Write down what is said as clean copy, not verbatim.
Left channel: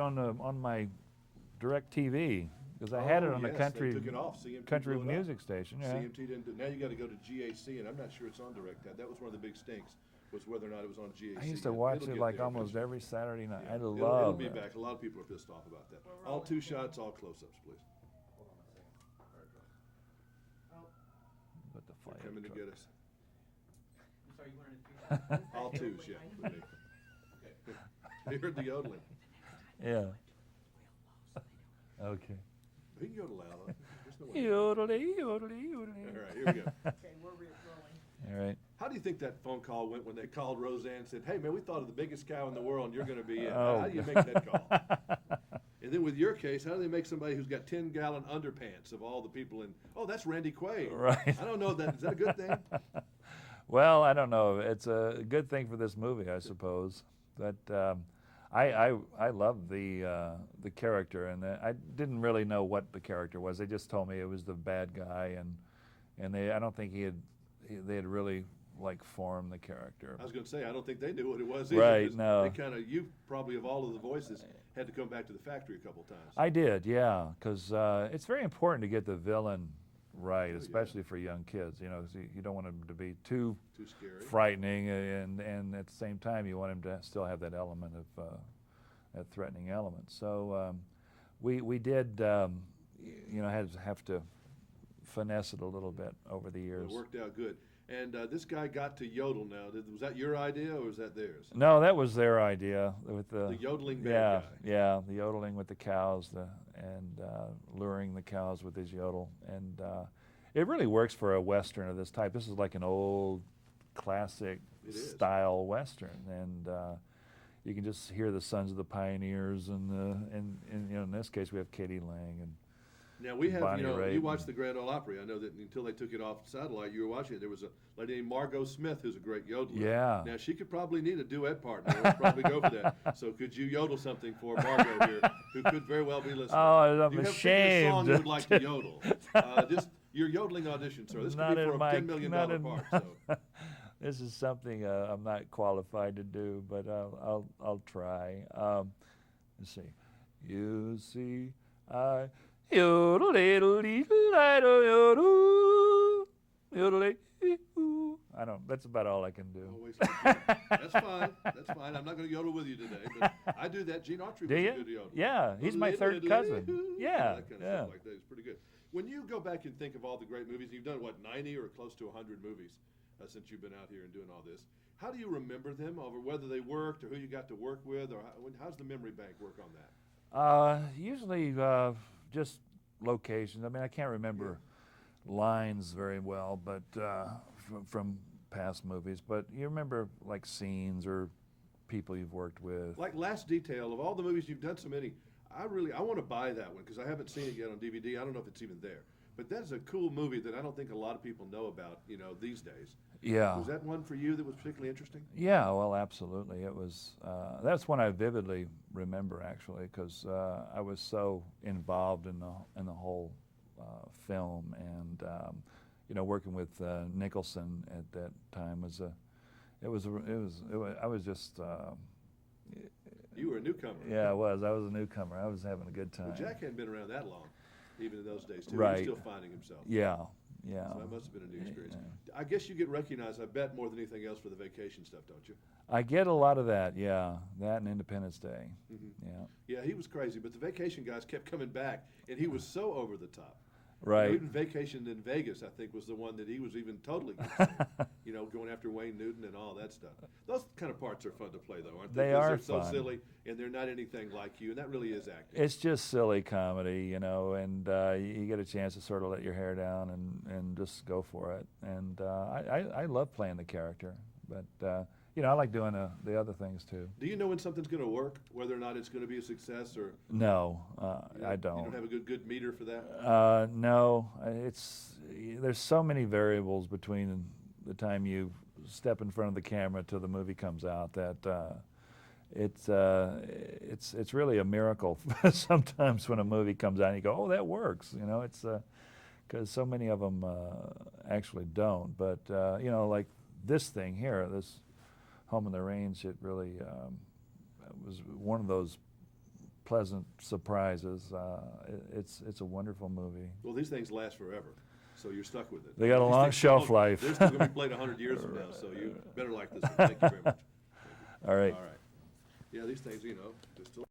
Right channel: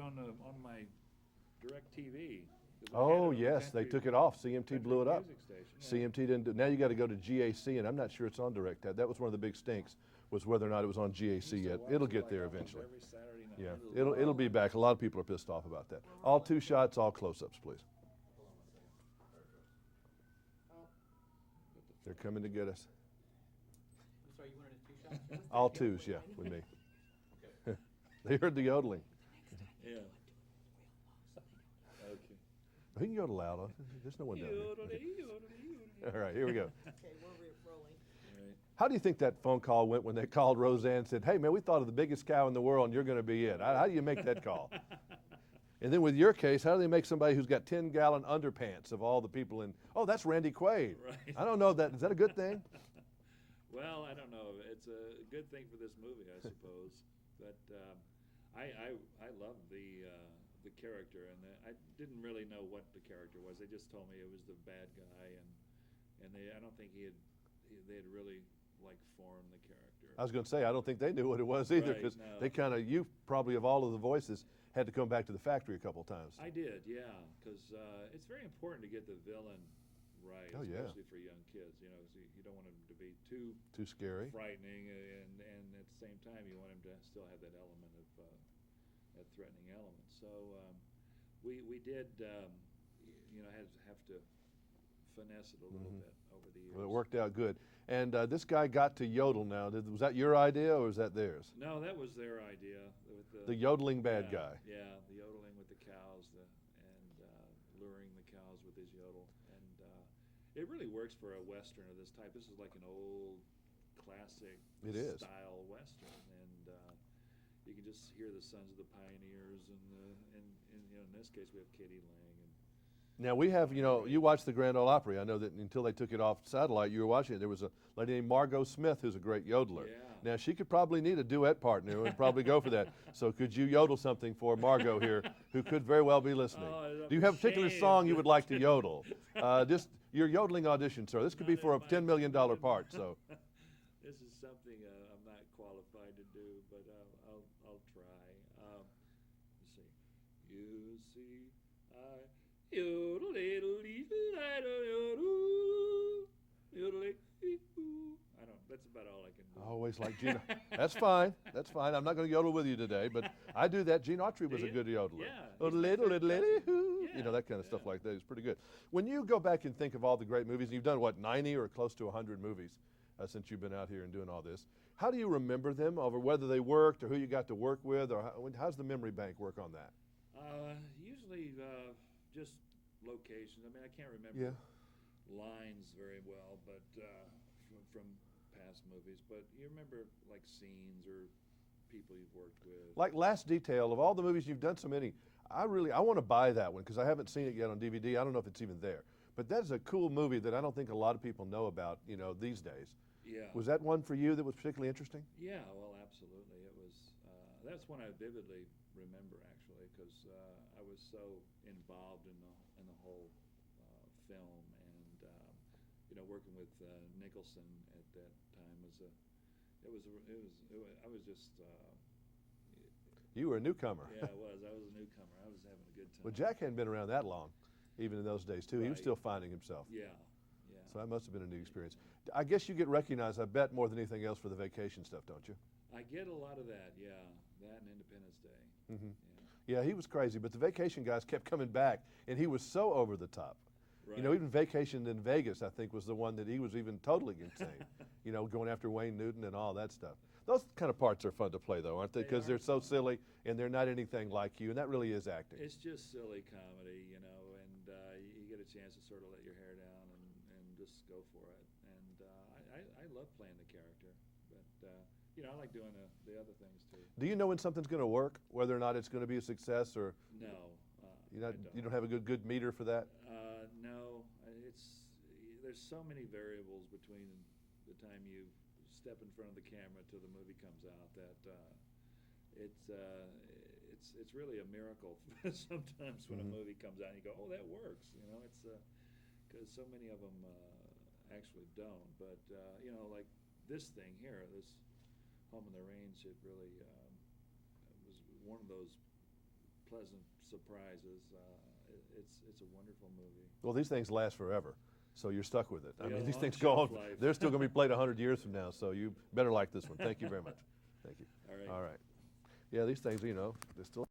on my DirecTV because I had it on the country. They took it off. CMT country blew it up. music station. Yeah. CMT didn't do. Now you got to go to GAC, and I'm not sure it's on Direct. That was one of the big stinks, was whether or not it was on GAC. I used to yet. watch It'll it get like there almost eventually. every Saturday night. Yeah. I It'll be it. back. A lot of people are pissed off about that. All 2 shots, all close-ups, please. They're coming to get us. Sorry, you wanted a 2 shots? All 2s, yeah, with me. They heard the yodeling. Yeah. Okay. He can yodel loud. There's no one there. Yodelay, yodelay, yodelay. All right, here we go. Okay, we're rolling. All right. How do you think that phone call went when they called Roseanne and said, hey, man, we thought of the biggest cow in the world and you're going to be it? How do you make that call? And then with your case, how do they make somebody who's got 10-gallon underpants of all the people in, oh, that's Randy Quaid. Right. I don't know, is that a good thing? Well, I don't know. It's a good thing for this movie, I suppose. But I love the character, and I didn't really know what the character was. They just told me it was the bad guy, and I don't think they had really like formed the character. I was going to say, I don't think they knew what it was either. Right, no. They kind of, you probably of all of the voices had to come back to the factory a couple times. I did, yeah, because it's very important to get the villain right, especially for young kids. You know, 'cause you don't want them to be too scary, frightening, and at the same time you want them to still have that element of that threatening element. So we did, you know, have to finesse it a little bit over the years. Well, it worked out good. And this guy got to yodel now. Was that your idea or was that theirs? No, that was their idea with the yodeling bad guy. Yeah, the yodeling with the cows, and luring the cows with his yodel, and it really works for a Western of this type. This is like an old classic style Western, and you can just hear the Sons of the Pioneers, and you know, in this case we have Katie Lang and. Now we have, Bonnie you know, Raitt. you watched the Grand Ole Opry. I know that until they took it off satellite, you were watching it. There was a lady named Margot Smith who's a great yodeler. Yeah. Now she could probably need a duet partner. We'll probably go for that. So could you yodel something for Margot here, who could very well be listening? Oh, I'm Do you have a particular song you would like to ashamed. yodel? Just your yodeling audition, sir. This could be for a $10 million part. So. This is something I'm not qualified to do, but I'll try. Let's see. You see, I yodel yodel. I don't. That's about all I can do. Always like Gene. That's fine. That's fine. I'm not going to yodel with you today, but I do that. Gene Autry was a good yodeler. Yeah, he's my third cousin. Yeah, you know, that kind of stuff like that is pretty good. When you go back and think of all the great movies, you've done what, 90 or close to 100 movies since you've been out here and doing all this. How do you remember them, over whether they worked or who you got to work with, or how's the memory bank work on that? Usually just locations. I mean, I can't remember lines very well, but from past movies. But you remember like scenes or people you've worked with. Like Last Detail, of all the movies you've done so many, I want to buy that one because I haven't seen it yet on DVD. I don't know if it's even there. But that's a cool movie that I don't think a lot of people know about, you know, these days. Yeah. Was that one for you that was particularly interesting? Yeah, well, absolutely. It was. That's one I vividly remember, actually, because I was so involved in the whole film, and you know, working with Nicholson at that time I was just. You were a newcomer. Yeah, I was. I was a newcomer. I was having a good time. Well, Jack hadn't been around that long, even in those days, too. Right. He was still finding himself. Yeah, yeah. So that must have been a new experience. Yeah. I guess you get recognized, I bet, more than anything else for the vacation stuff, don't you? I get a lot of that, yeah. That and Independence Day. Mm-hmm. Yeah. Yeah, he was crazy, but the vacation guys kept coming back, and he was so over the top. Right. You know, even Vacation in Vegas, I think, was the one that he was even totally insane. You know, going after Wayne Newton and all that stuff. Those kind of parts are fun to play, though, aren't they? They are Because they're so fun. silly, and they're not anything like you, and that really is acting. It's just silly comedy, you know, and you get a chance to sort of let your hair down and just go for it. And I love playing the character, but you know, I like doing the other things too. Do you know when something's going to work, whether or not it's going to be a success, or no? I don't. You don't have a good meter for that. No, there's so many variables between the time you step in front of the camera till the movie comes out that it's really a miracle sometimes when a movie comes out and you go, oh, that works. You know, it's because so many of them actually don't. But you know, like this thing here, this Home in the Range, it really was one of those pleasant surprises. It's a wonderful movie. Well, these things last forever, so you're stuck with it. They got a These long things shelf still- life. They're still going to be played 100 years from now, so you better like this one. Thank you very much. Thank you. All right. All right. Yeah, these things, they're still.